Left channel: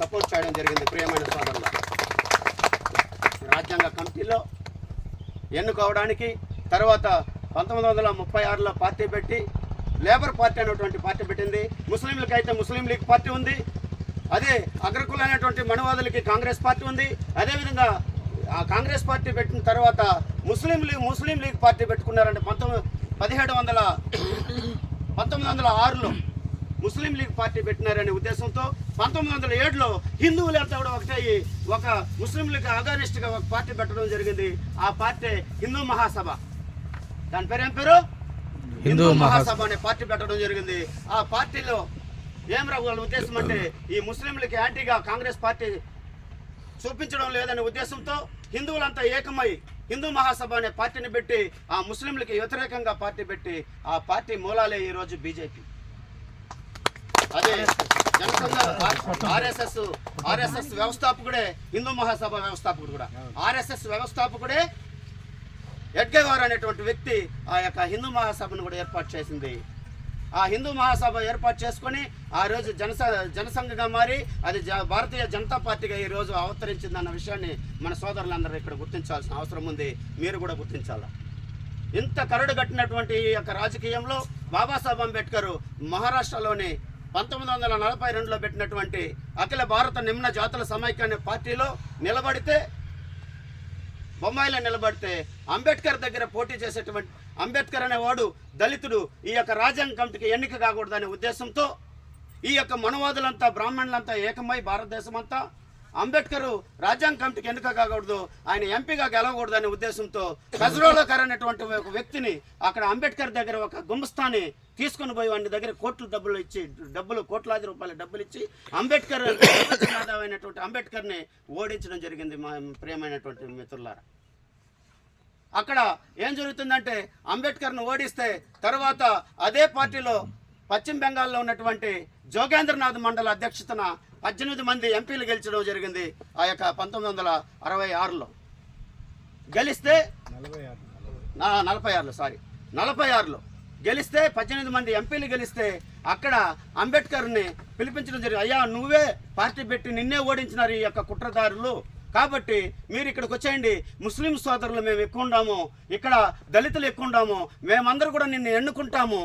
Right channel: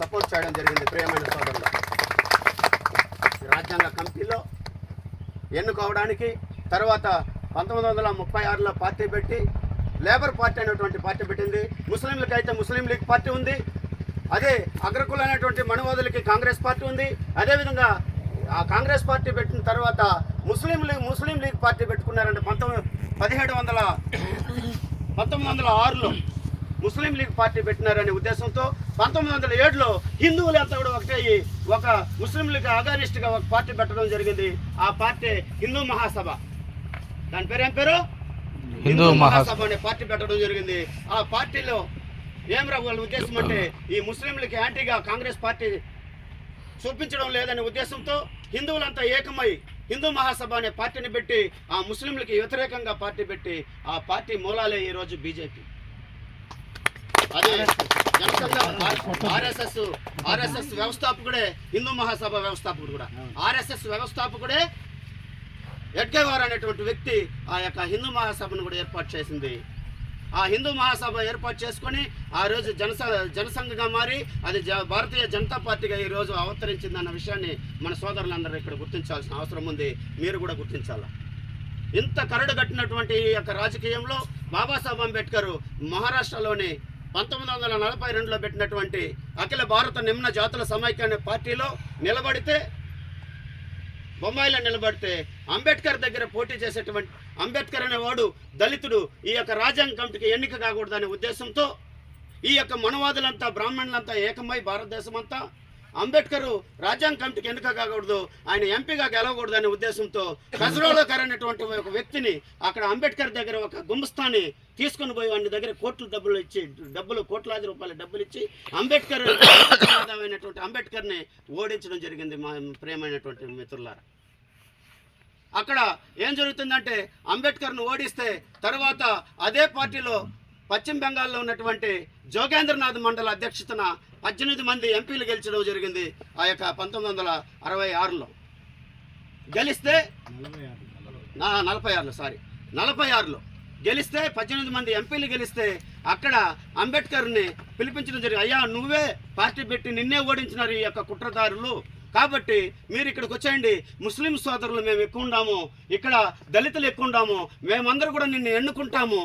Support చేయడం జరిగింది. ప్రియమైన సోదరులు, రాజ్యాంగ కమిటీలో ఎన్నుకోవడానికి తర్వాత 1936లో పార్టీ పెట్టి లేబర్ పార్టీ అనేటువంటి పార్టీ పెట్టింది. ముస్లింలకు అయితే ముస్లిం లీగ్ పార్టీ ఉంది. అదే అగ్రకుల అనేటువంటి మనువాదులకి కాంగ్రెస్ పార్టీ ఉంది. అదేవిధంగా ఆ కాంగ్రెస్ పార్టీ పెట్టిన తర్వాత ముస్లిం లీగ్ పార్టీ పెట్టుకున్నారంటే 1906లో ముస్లిం లీగ్ పార్టీ పెట్టినారనే ఉద్దేశంతో 1907లో హిందువులంతా కూడా ఒకటయ్యి ఒక ముస్లిం లీగ్ అగానిస్ట్గా ఒక పార్టీ పెట్టడం జరిగింది. ఆ పార్టీ హిందూ మహాసభ. దాని పేరు ఏం పేరు? హిందూ మహాసభ అనే పార్టీ పెట్టడం జరిగింది. ఆ పార్టీలో ఏం వాళ్ళ ఉద్దేశం అంటే ఈ ముస్లింలకి యాంటీగా కాంగ్రెస్ పార్టీ చూపించడం లేదనే ఉద్దేశంతో హిందువులంతా ఏకమై హిందూ మహాసభ అనే పార్టీని పెట్టి ఆ ముస్లింలకి వ్యతిరేకంగా పార్టీ పెట్టి ఆ పార్టీ మూలాలే ఈరోజు బీజేపీ. అదే జనసంఘ ఆర్ఎస్ఎస్ వ్యవస్థాపకుడే హిందూ మహాసభ వ్యవస్థాపకుడు కూడా. ఆర్ఎస్ఎస్ వ్యవస్థాపకుడే ఎడ్గేవార్ అనేటువంటి వ్యక్తి ఆ యొక్క హిందూ మహాసభను కూడా ఏర్పాటు చేసింది. ఆ హిందూ మహాసభ ఏర్పాటు చేసుకొని ఆ రోజు జనసంఘగా మారి అది భారతీయ జనతా పార్టీగా ఈరోజు అవతరించిందన్న విషయాన్ని మన సోదరులందరూ ఇక్కడ గుర్తించాల్సిన అవసరం ఉంది. మీరు కూడా గుర్తించాలి. ఇంత కరడు కట్టినటువంటి ఈ యొక్క రాజకీయంలో బాబాసాహెబ్ అంబేద్కర్ మహారాష్ట్రలోని 1942లో పెట్టినటువంటి అఖిల భారత నిమ్న జాతుల సమైక్య అనే పార్టీలో నిలబడితే, బొంబాయిలో నిలబడితే అంబేద్కర్ దగ్గర పోటీ చేసేటువంటి అంబేద్కర్ అనేవాడు దళితుడు, ఈ యొక్క రాజ్యాంగ కమిటీకి ఎన్నిక కాకూడదనే ఉద్దేశంతో ఈ యొక్క మనవాదులంతా బ్రాహ్మణులంతా ఏకమై భారతదేశం అంతా అంబేద్కర్ రాజ్యాంగ కమిటీకి ఎన్నిక కాకూడదు, ఆయన ఎంపీగా గెలవకూడదు అనే ఉద్దేశంతో కజరోలకర్ అనేటువంటి ఒక వ్యక్తిని అక్కడ అంబేద్కర్ దగ్గర ఒక గుమస్తాన్ని తీసుకుని పోయి వాడి దగ్గర కోట్లాది రూపాయల డబ్బులు ఇచ్చి అంబేద్కర్ అయినటువంటి అంబేద్కర్ని ఓడించడం జరిగింది. మా ప్రియమైనటువంటి మిత్రులారా, అక్కడ ఏం జరుగుతుందంటే అంబేద్కర్ను ఓడిస్తే తర్వాత అదే పార్టీలో పశ్చిమ బెంగాల్లో ఉన్నటువంటి జోగేంద్రనాథ్ మండల అధ్యక్షతన 18 మంది ఎంపీలు గెలిచడం జరిగింది. ఆ యొక్క 1966లో గెలిస్తే 46లో గెలిస్తే 18 మంది ఎంపీలు గెలిస్తే అక్కడ అంబేద్కర్ని పిలిపించడం జరిగింది. అయ్యా, నువ్వే పార్టీ పెట్టి నిన్నే ఓడించినారు ఈ యొక్క కుట్రదారులు, కాబట్టి మీరు ఇక్కడికి వచ్చేయండి. ముస్లిం సోదరులు మేము ఎక్కువ ఉండాము, ఇక్కడ దళితులు ఎక్కువ ఉండాము, మేమందరూ కూడా నిన్ను ఎన్నుకుంటాము.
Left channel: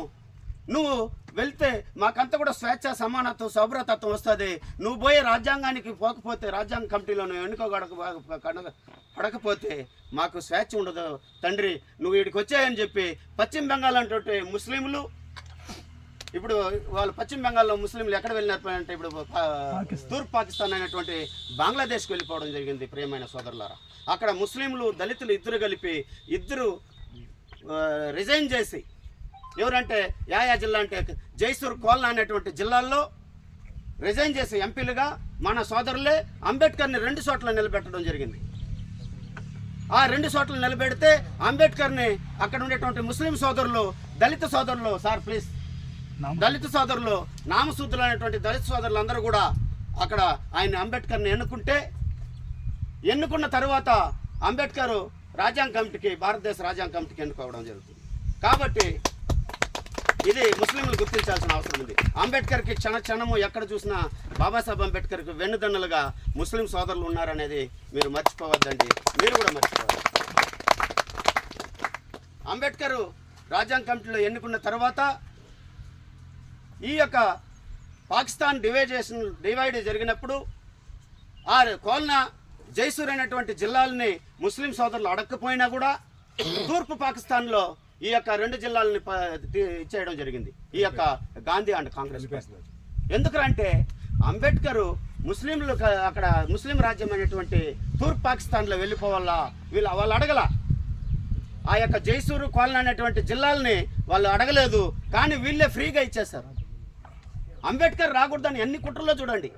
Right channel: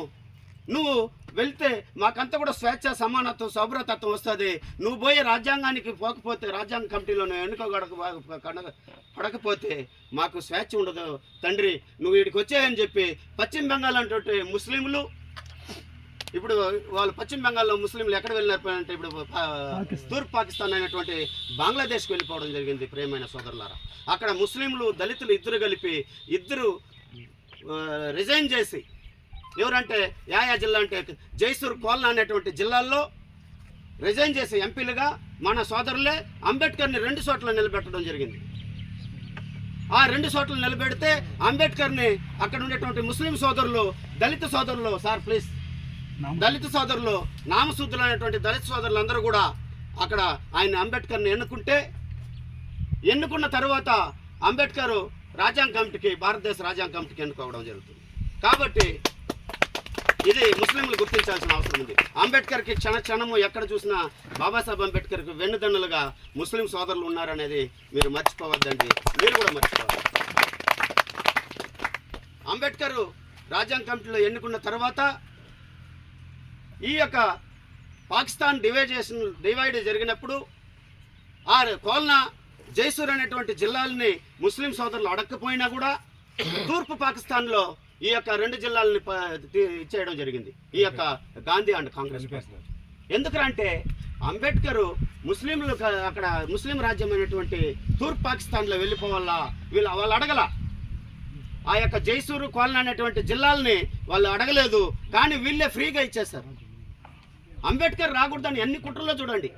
నువ్వు వెళ్తే మాకంతా కూడా స్వేచ్ఛ, సమానత్వం, సౌభ్రతత్వం వస్తుంది. నువ్వు పోయే రాజ్యాంగానికి పోకపోతే, రాజ్యాంగ కమిటీలో పడకపోతే మాకు స్వేచ్ఛ ఉండదు తండ్రి, నువ్వు వీడికి వచ్చాయని చెప్పి పశ్చిమ బెంగాల్ అంటే ముస్లింలు, ఇప్పుడు వాళ్ళు పశ్చిమ బెంగాల్లో ముస్లింలు ఎక్కడ వెళ్ళినారంటే ఇప్పుడు తూర్పు పాకిస్తాన్ అనేటువంటి బంగ్లాదేశ్కి వెళ్ళిపోవడం జరిగింది. ప్రియమైన సోదరులారా, అక్కడ ముస్లింలు దళితులు ఇద్దరు రిజైన్ చేసి, ఎవరంటే యా జిల్లా అంటే జైసూర్ కోల్నా అనేటువంటి జిల్లాల్లో రిజైన్ చేసి ఎంపీలుగా మన సోదరులే అంబేద్కర్ని 2 చోట్ల నిలబెట్టడం జరిగింది. ఆ 2 చోట్ల నిలబెడితే అంబేద్కర్ని అక్కడ ఉండేటువంటి ముస్లిం సోదరులు, దళిత సోదరులు, దళిత సోదరులు, నామశుద్ధులు అనేటువంటి దళిత సోదరులు అందరూ కూడా అక్కడ ఆయన అంబేద్కర్ని ఎన్నుకున్న తర్వాత అంబేద్కర్ రాజ్యాంగ కమిటీకి, భారతదేశ రాజ్యాంగ కమిటీకి ఎన్నుకోవడం జరుగుతుంది. కాబట్టి ఇది ముస్లింలు గుర్తించాల్సిన అవసరం ఉంది. అంబేద్కర్కి క్షణము ఎక్కడ చూసినా బాబాసాహెబ్ అంబేద్కర్కి వెన్నుదన్నులుగా ముస్లిం సోదరులు ఉన్నారనేది మీరు మర్చిపోవద్దండి, మీరు కూడా మర్చిపోవద్దు. అంబేద్కర్ రాజ్యాంగ కమిటీలో ఎన్నుకున్న తర్వాత ఈ యొక్క పాకిస్తాన్ డివైడ్ జరిగినప్పుడు ఆ కోల్నా, జైసూర్ అనేటువంటి జిల్లాలని ముస్లిం సోదరులు అడగకపోయినా కూడా తూర్పు పాకిస్తాన్లో ఈ యొక్క 2 జిల్లాలని ఇచ్చేయడం జరిగింది ఈ యొక్క గాంధీ అండ్ కాంగ్రెస్. ఎందుకంటే అంబేద్కర్ ముస్లింలు అక్కడ ముస్లిం రాజ్యం అయినటువంటి తూర్పు పాకిస్తాన్లో వెళ్ళిపోవాలా, వాళ్ళు అడగల. ఆ యొక్క జైసూరు కోల్నా అనేటువంటి జిల్లాలని వాళ్ళు అడగలేదు, కానీ వీళ్ళే ఫ్రీగా ఇచ్చేస్తారు. అంబేద్కర్ రాకూడదని ఎన్ని కుట్రలో చూడండి.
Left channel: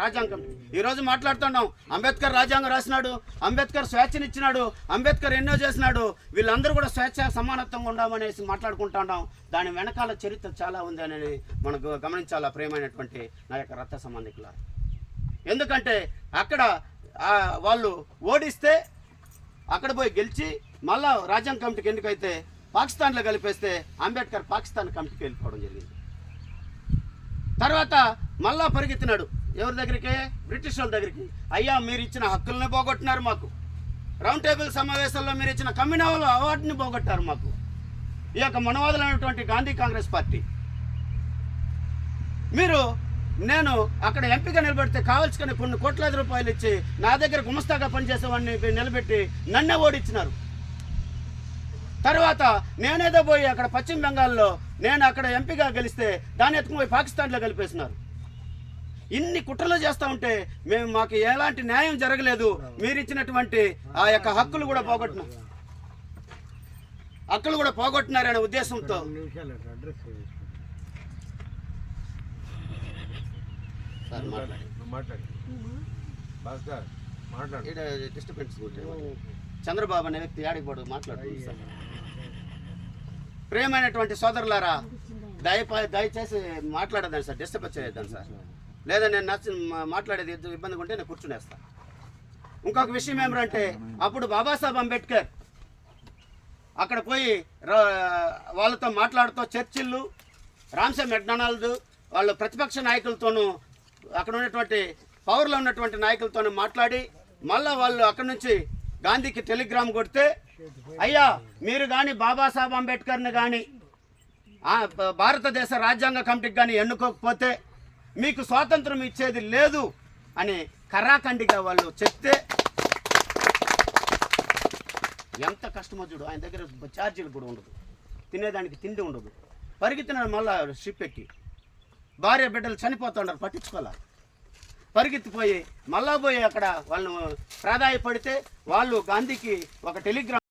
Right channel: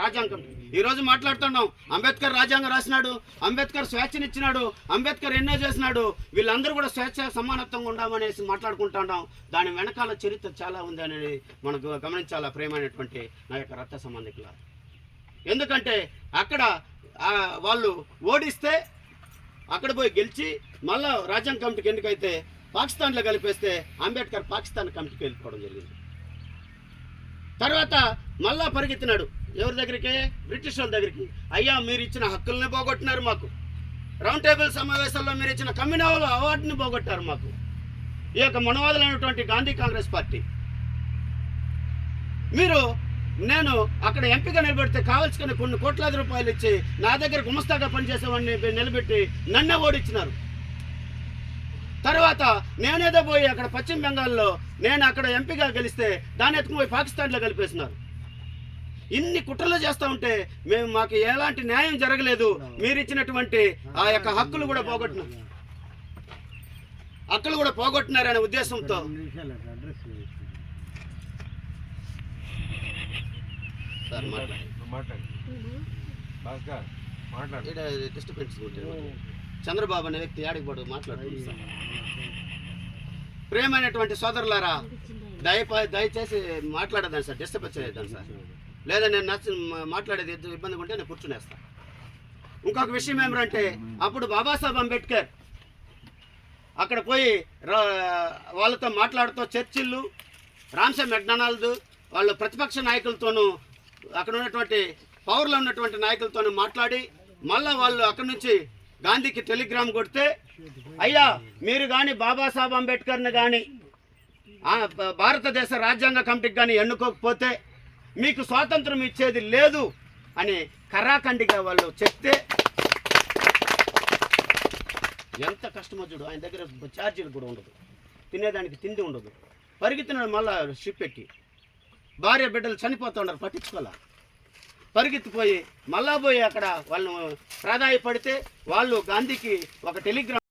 రాజ్యాంగం ఈరోజు మాట్లాడుతున్నాం, అంబేద్కర్ రాజ్యాంగం రాసినాడు, అంబేద్కర్ స్వేచ్ఛనిచ్చినాడు, అంబేద్కర్ ఎన్నో చేసినాడు, వీళ్ళందరూ కూడా స్వేచ్ఛ సమానత్వంగా ఉండామనేసి మాట్లాడుకుంటున్నాం. దాని వెనకాల చరిత్ర చాలా ఉంది అనేది మనకు గమనించాలా ప్రియమైనటువంటి నా యొక్క రక్త సంబంధికుల. ఎందుకంటే అక్కడ వాళ్ళు ఓడిస్తే అక్కడ పోయి గెలిచి మళ్ళా రాజ్యాంగ కమిటీకి ఎందుకైతే పాకిస్తాన్లో కలిపేస్తే అంబేద్కర్ పాకిస్తాన్ కమిటీకి వెళ్ళిపోవడం జరిగింది. తర్వాత మళ్ళా పరిగెత్తినాడు ఎవరి దగ్గరికి? బ్రిటిష్ వాళ్ళ దగ్గరికి. అయ్యా మీరు ఇచ్చిన హక్కుల్ని పోగొట్టినారు మాకు, రౌండ్ టేబుల్ సమావేశాల్లో మీరు ఇచ్చిన కమ్యూనల్ అవార్డుని పోగొట్టారు మాకు. ఈ యొక్క మనవాదులైనటువంటి గాంధీ కాంగ్రెస్ పార్టీ మీరు నేను అక్కడ ఎంపీగా నిలబెడితే కావాల్సిన కొన్ని కోట్లాది రూపాయలు ఇచ్చి నా దగ్గర గుమస్తాగా పనిచేసేవాడిని నిలబెట్టి నన్నే ఓడించినారు. తర్వాత నేనేదో పోయి అక్కడ పశ్చిమ బెంగాల్లో నేను అక్కడ ఎంపీగా గెలిస్తే దాన్ని ఎత్తుకుపోయి పాకిస్తాన్లో కలిపేసినారు. ఇన్ని కుట్రలు చేస్తూ ఉంటే మాకు ఎలాంటి న్యాయం జరగలేదు. మీరు ఇచ్చినటువంటి ఆ యొక్క హక్కులు కూడా పోగొట్టినారనే ఉద్దేశంతో చంద్రబాబు అనే వ్యక్తి ఆడిపోడు మాట్లాడుతుంది సార్. ప్రేమైనటువంటి సోదరులారా, దయచేసి మాట్లాడదాను సార్, డిస్టర్బ్ వచ్చేద్దాం సార్. లేదా నేను మాట్లాడేది ఇబ్బందిగా ఉంటే నేను కూర్చునేస్తాను. ఇంకొక విషయం ఏమిటంటే, అప్పుడు బాబాసాహెబ్ అంబేద్కర్ అక్కడ పోయి వాళ్ళతో మాట్లాడుతూ చర్చిళ్ళు, రామ్సే మెక్డొనాల్డ్ వాళ్ళు ప్రతిపక్ష నాయకులతోనూ అక్కడ ఉన్నటువంటి పవర్లో ఉన్నటువంటి నాయకులతోనూ మాట్లాడి మళ్ళీ వాళ్ళు అక్కడి నుంచి గాంధీకి టెలిగ్రామ్ కొడితే, అయ్యా మీరు కానీ బాబాసాహెబ్ అంబేద్కర్ని కానీ భారతదేశ రాజ్యాంగ కమిటీకి కానీ ఎన్నుకోకపోతే మీకు స్వాతంత్రం ఇచ్చేది లేదు అని కరాఖండిగా వాళ్ళు చెప్తే, ఎంత కష్టమో చూడు. ఆయన దగ్గర ఛార్జీలు కూడా ఉండదు, తినేదానికి తిండి ఉండదు. పరిగెత్తినాడు మళ్ళా షిప్ ఎక్కి, భార్య బిడ్డలు చనిపోతున్నారు, పట్టించుకోలే. పరిగెత్తిపోయి మళ్ళా పోయి అక్కడ వాళ్ళు ప్రాధాయపడితే వాళ్ళు గాంధీకి ఒక టెలిగ్రామ్